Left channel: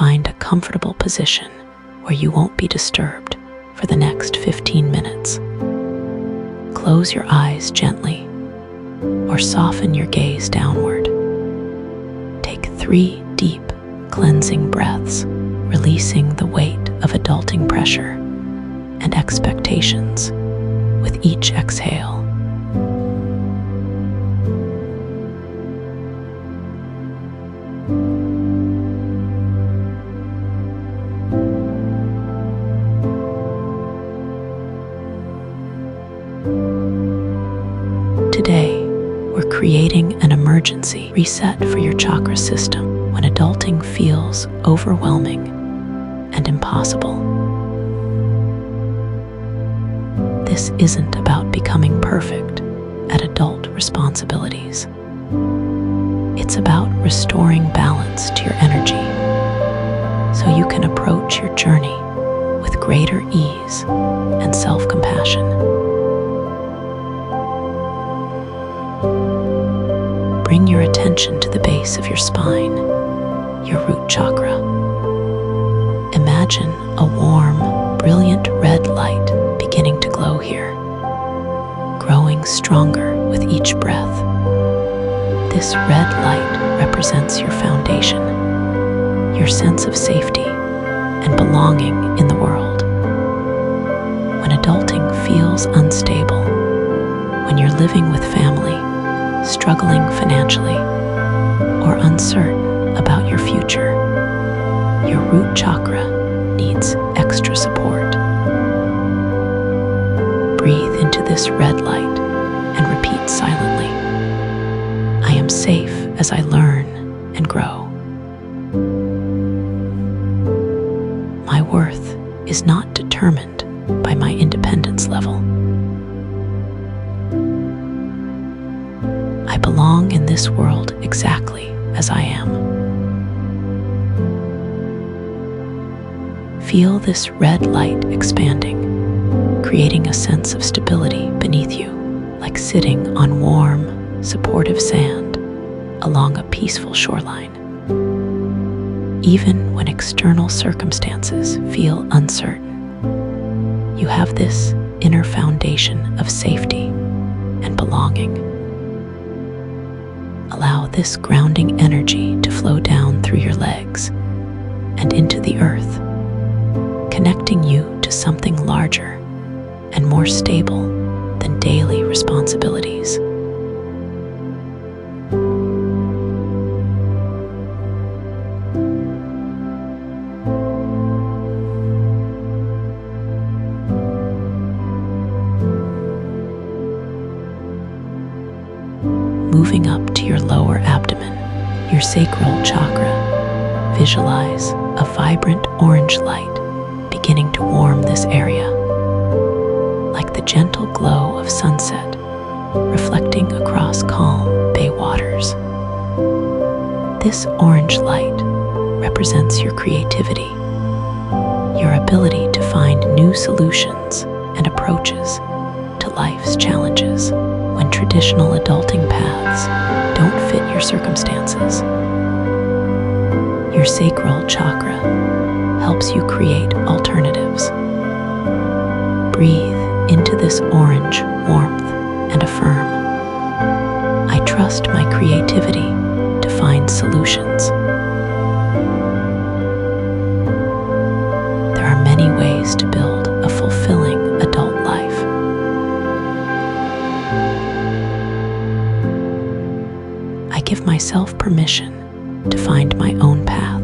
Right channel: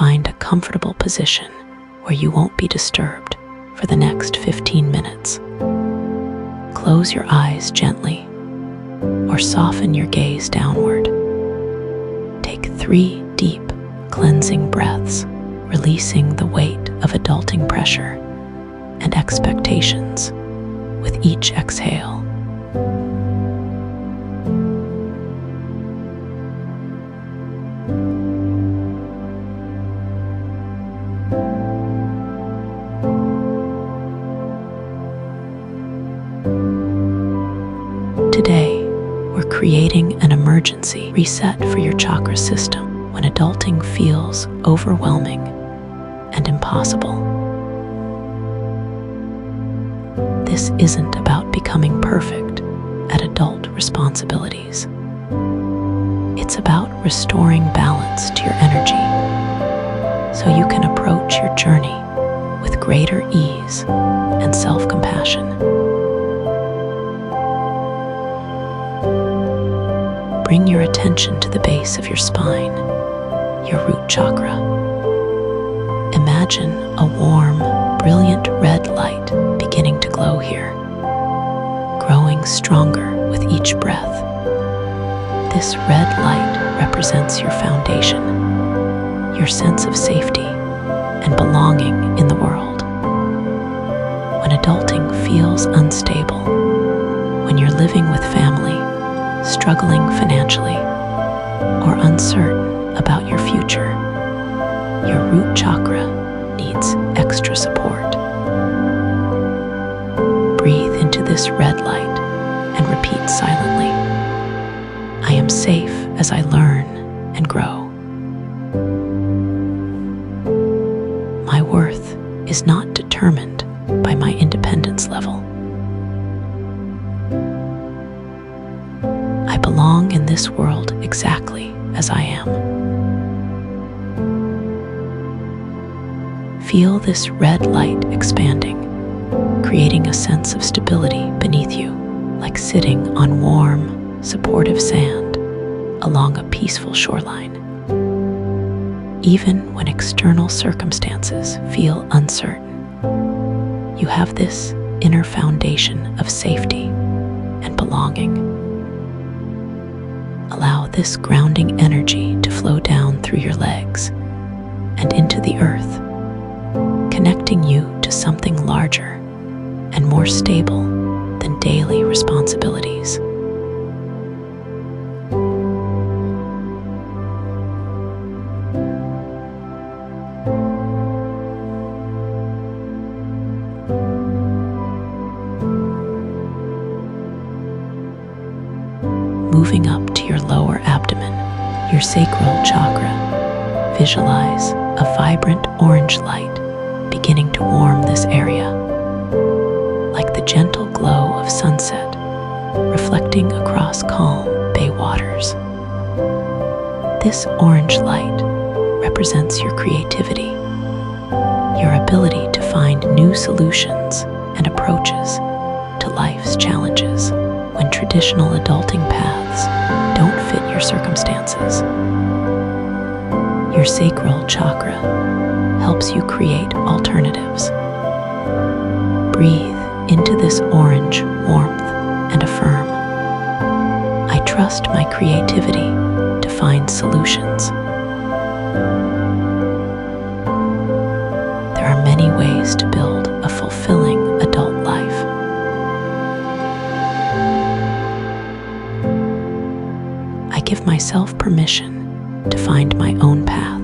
Find a comfortable position where you won't be disturbed for the next 15 minutes. Close your eyes gently or soften your gaze downward. Take 3 deep, cleansing breaths, releasing the weight of adulting pressure and expectations with each exhale. Today, we're creating an emergency reset for your chakra system when adulting feels overwhelming and impossible. This isn't about becoming perfect at adult responsibilities. It's about restoring balance to your energy so you can approach your journey with greater ease and self-compassion. Bring your attention to the base of your spine, your root chakra. Imagine a warm, brilliant red light beginning to glow here, growing stronger with each breath. This red light represents your foundation, your sense of safety and belonging in the world. When adulting feels unstable, when you're living with family, struggling financially, or uncertain about your future, your root chakra needs extra support. Breathe into this red light and repeat silently, I am safe as I learn and grow. My worth is not determined by my independence level. I belong in this world exactly as I am. Feel this red light expanding, creating a sense of stability beneath you, like sitting on warm, supportive sand along a peaceful shoreline. Even when external circumstances feel uncertain, you have this inner foundation of safety and belonging. Allow this grounding energy to flow down through your legs and into the earth, connecting you to something larger and more stable than daily responsibilities. Moving up to your lower abdomen, your sacral chakra, visualize a vibrant orange light beginning to warm this area, like the gentle glow of sunset reflecting across calm bay waters. This orange light represents your creativity, your ability to find new solutions and approaches to life's challenges when traditional adulting paths don't fit your circumstances. Your sacral chakra helps you create alternatives. Breathe into this orange warmth and affirm, I trust my creativity to find solutions. There are many ways to build a fulfilling adult life. I give myself permission to find my own path.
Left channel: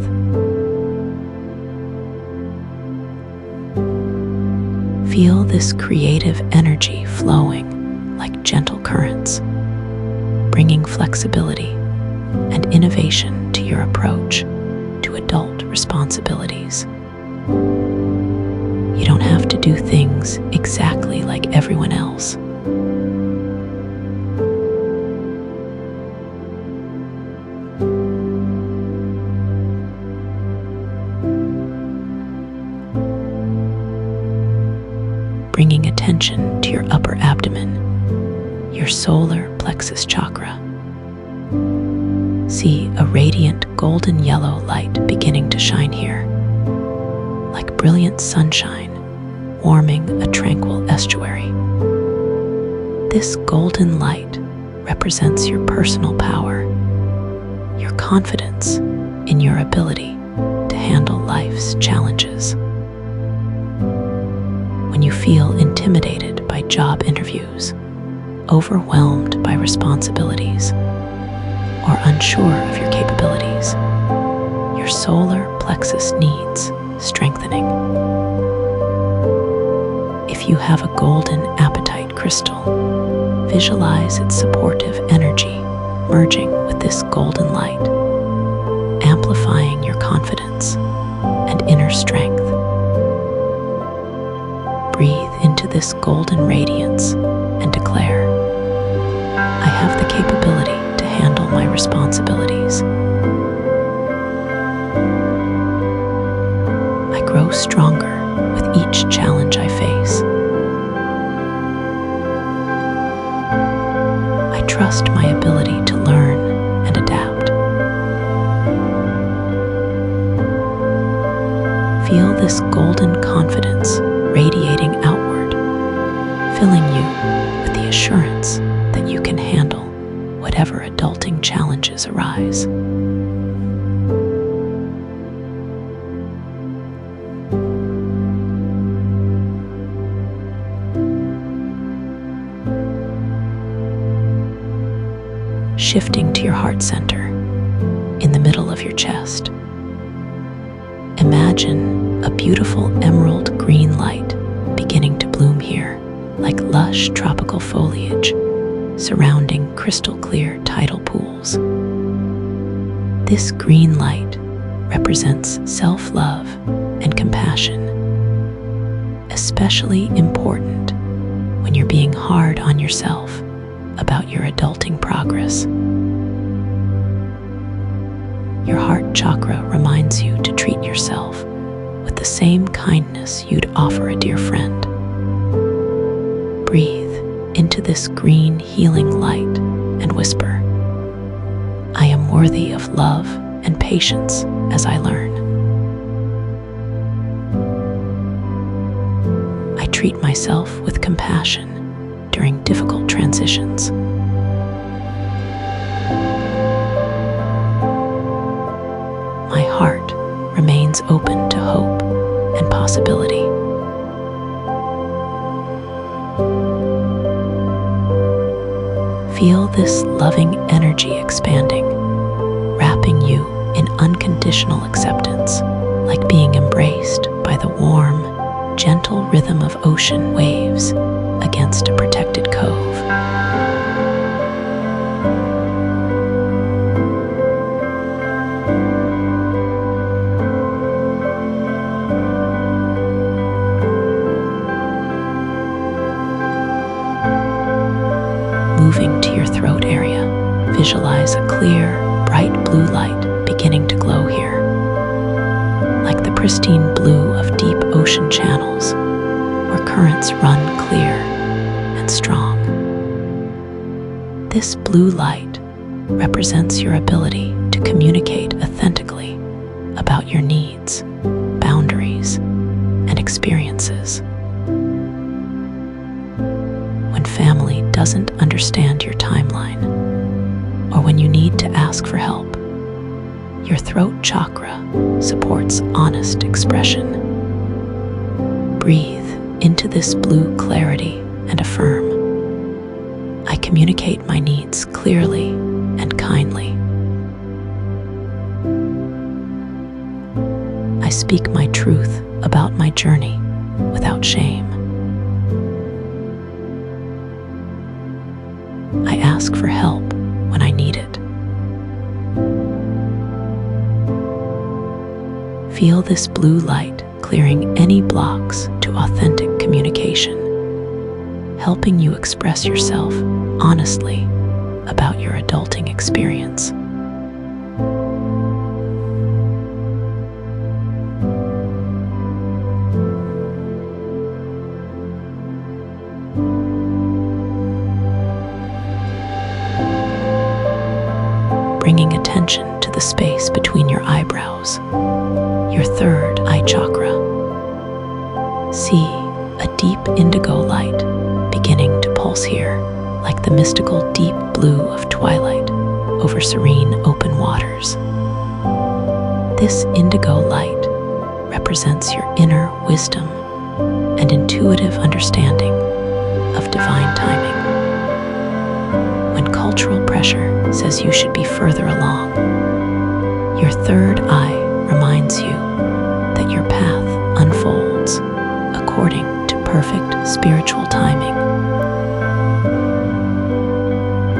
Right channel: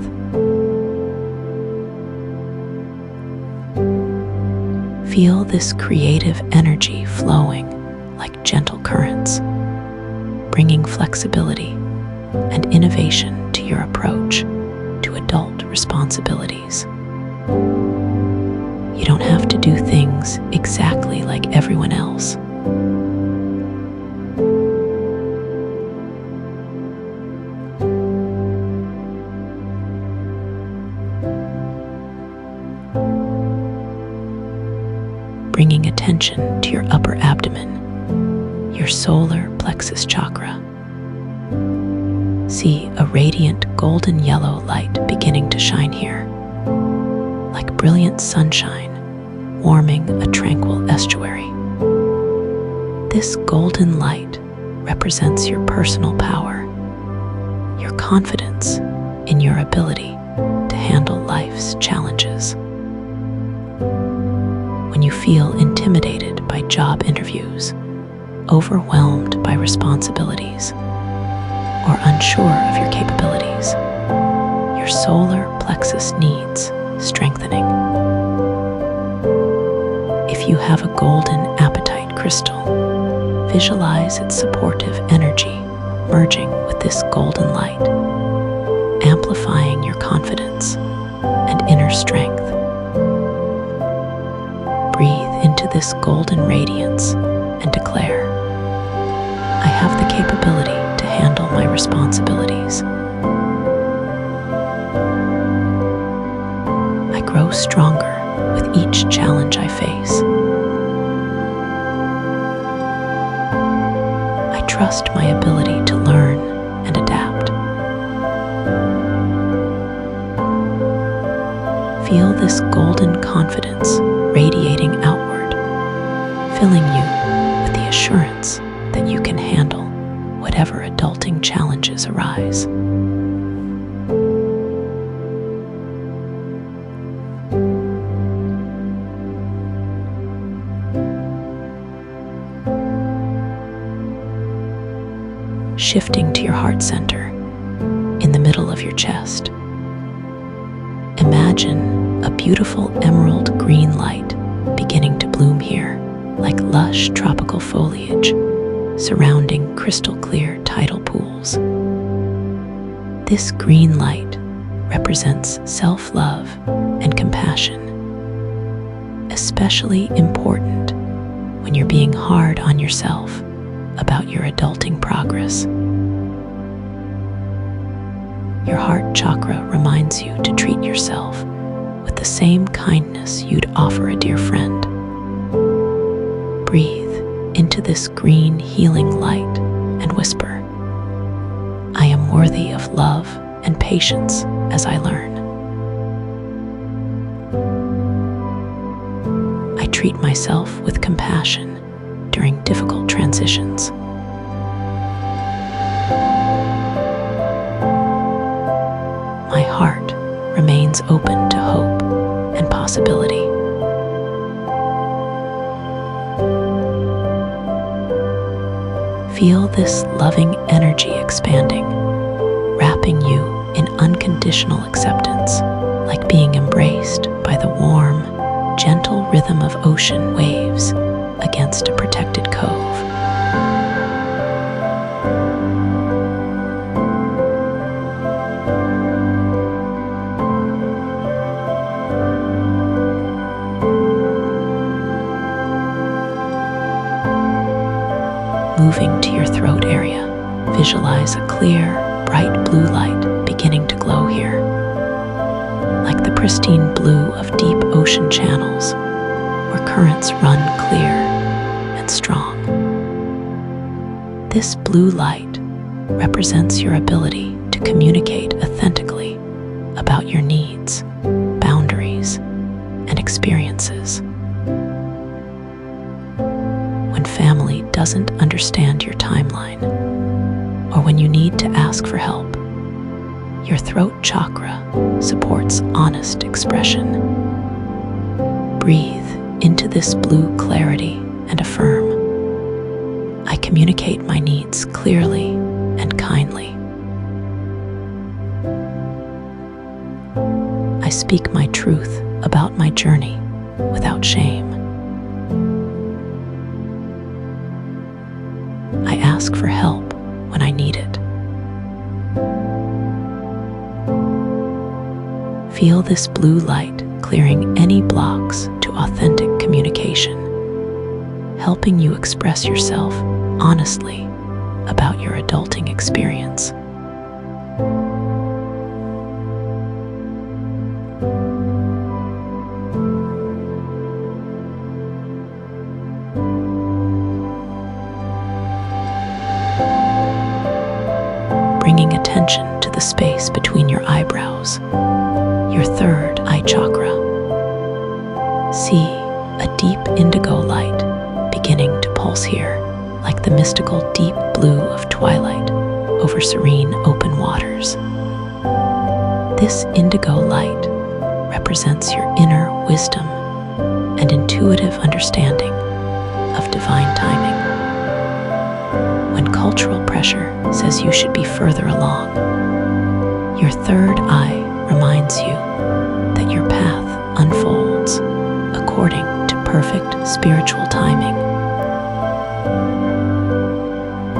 Feel this creative energy flowing like gentle currents, bringing flexibility and innovation to your approach to adult responsibilities. You don't have to do things exactly like everyone else. Bringing attention to your upper abdomen, your solar plexus chakra. See a radiant golden yellow light beginning to shine here, like brilliant sunshine warming a tranquil estuary. This golden light represents your personal power, your confidence in your ability to handle life's challenges. When you feel intimidated by job interviews, overwhelmed by responsibilities, or unsure of your capabilities, your solar plexus needs strengthening. If you have a golden apatite crystal, visualize its supportive energy merging with this golden light, amplifying your confidence and inner strength. Breathe into this golden radiance and declare, I have the capability to handle my responsibilities. I grow stronger with each challenge I face. I trust my ability to learn and adapt. Feel this golden confidence radiating outward, filling you with the assurance that you can handle whatever adulting challenges arise. Shifting to your heart center, in the middle of your chest, imagine a beautiful emerald green light beginning to bloom here, like lush tropical foliage surrounding crystal clear tidal pools. This green light represents self-love and compassion, especially important when you're being hard on yourself about your adulting progress. Your heart chakra reminds you to treat yourself with the same kindness you'd offer a dear friend. Breathe into this green healing light and whisper, I am worthy of love and patience as I learn. I treat myself with compassion during difficult transitions. My heart remains open to hope and possibility. Feel this loving energy expanding, wrapping you in unconditional acceptance, like being embraced by the warm, gentle rhythm of ocean waves against a protected cove. Moving to your throat area, visualize a clear, bright blue light beginning to glow here, like the pristine blue of deep ocean channels where currents run clear and strong. This blue light represents your ability to communicate authentically about your needs, boundaries, and experiences. When family doesn't understand your timeline, or when you need to ask for help, your throat chakra supports honest expression. Breathe into this blue clarity and affirm, I communicate my needs clearly and kindly. I speak my truth about my journey without shame. I ask for help when I need it. Feel this blue light clearing any blocks to authentic communication, helping you express yourself honestly about your adulting experience. Bringing attention attention to the space between your eyebrows, your third eye chakra. See a deep indigo light beginning to pulse here, like the mystical deep blue of twilight over serene open waters. This indigo light represents your inner wisdom and intuitive understanding of divine timing. When cultural pressure says you should be further along, your third eye reminds you that your path unfolds according to perfect spiritual timing.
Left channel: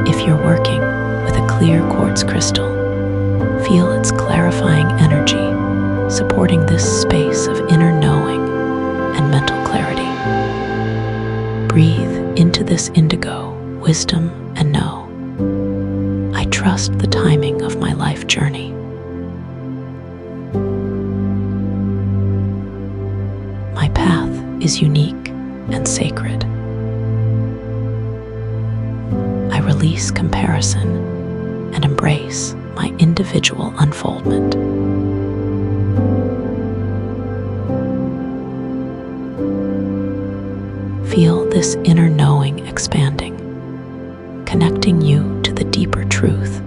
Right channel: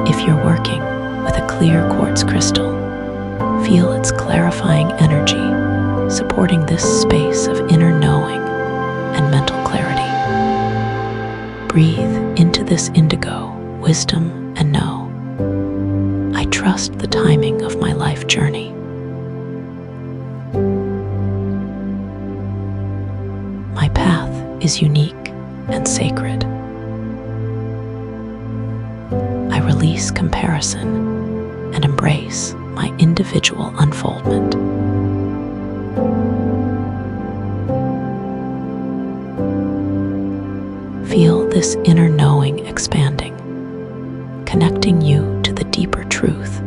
If you're working with a clear quartz crystal, feel its clarifying energy supporting this space of inner knowing and mental clarity. Breathe into this indigo wisdom and know, I trust the timing of my life journey. My path is unique and sacred. I release comparison and embrace my individual unfoldment. Feel this inner knowing expanding, connecting you to the deeper truth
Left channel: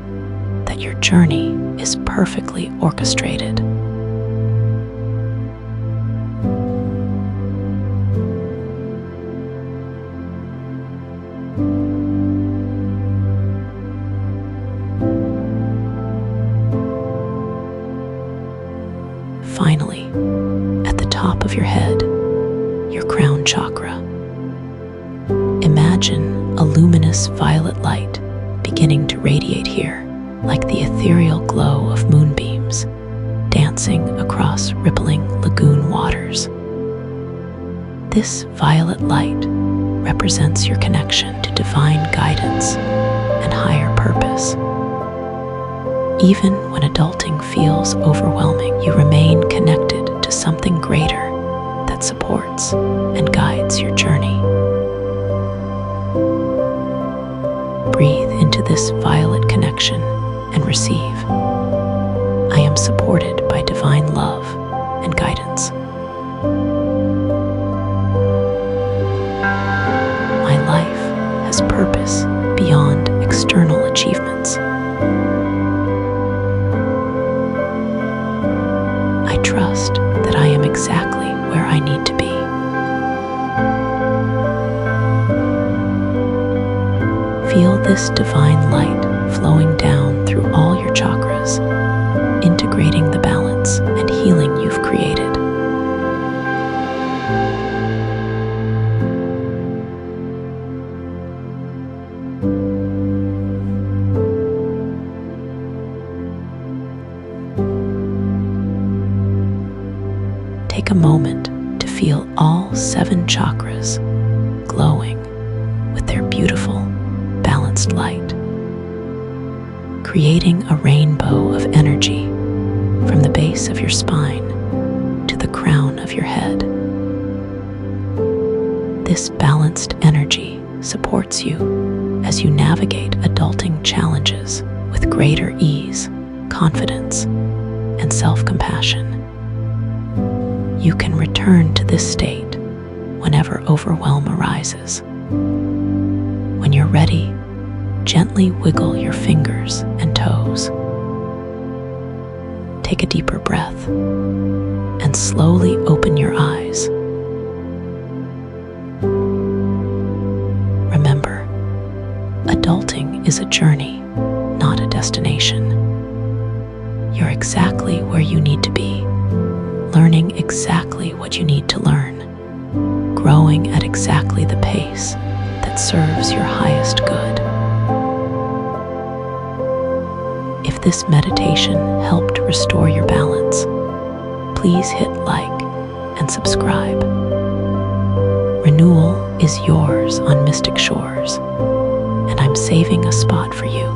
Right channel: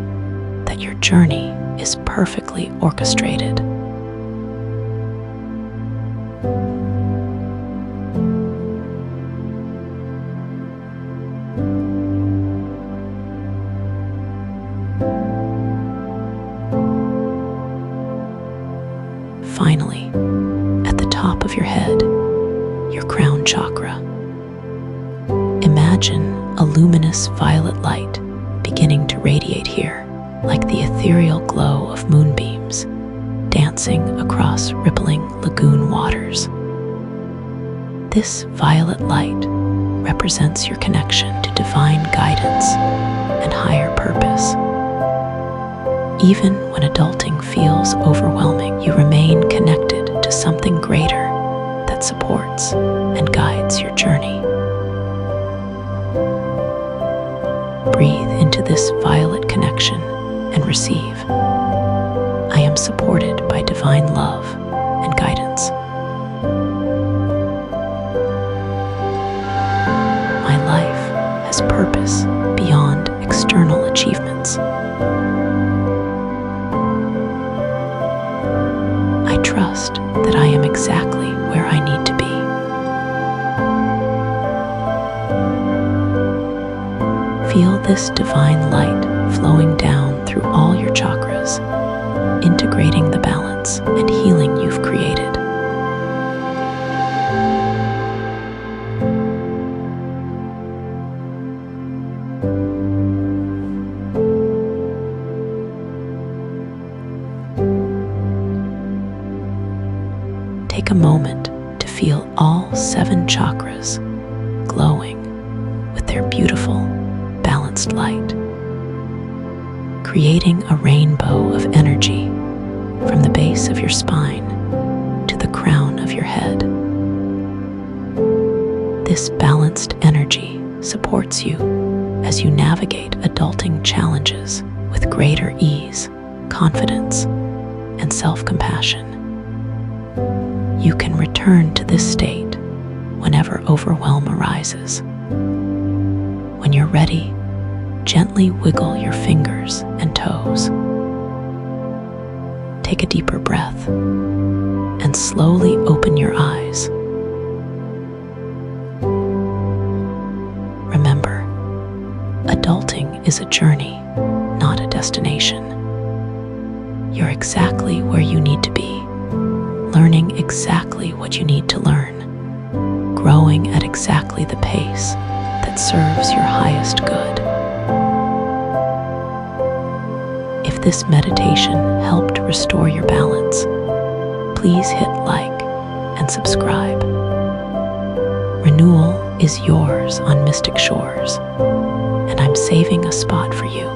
that your journey is perfectly orchestrated. Finally, at the top of your head, your crown chakra. Imagine a luminous violet light beginning to radiate here, like the ethereal glow of moonbeams dancing across rippling lagoon waters. This violet light represents your connection to divine guidance and higher purpose. Even when adulting feels overwhelming, you remain connected to something greater that supports and guides your journey. Breathe into this violet connection and receive. I am supported by divine love and guidance. My life has purpose beyond external achievements. I trust that I am exactly where I need to be. Feel this divine light flowing down through all your chakras, integrating the balance and healing you've created. Take a moment to feel all 7 chakras glowing with their beautiful, balanced light, creating a rainbow of energy from the base of your spine to the crown of your head. This balanced energy supports you as you navigate adulting challenges with greater ease, confidence, and self-compassion. You can return to this state whenever overwhelm arises. When you're ready, gently wiggle your fingers and toes. Take a deeper breath and slowly open your eyes. Remember, adulting is a journey, not a destination. You're exactly where you need to be, learning exactly what you need to learn, growing at exactly the pace that serves your highest good. If this meditation helped restore your balance, please hit like and subscribe. Renewal is yours on Mystic Shores, and I'm saving a spot for you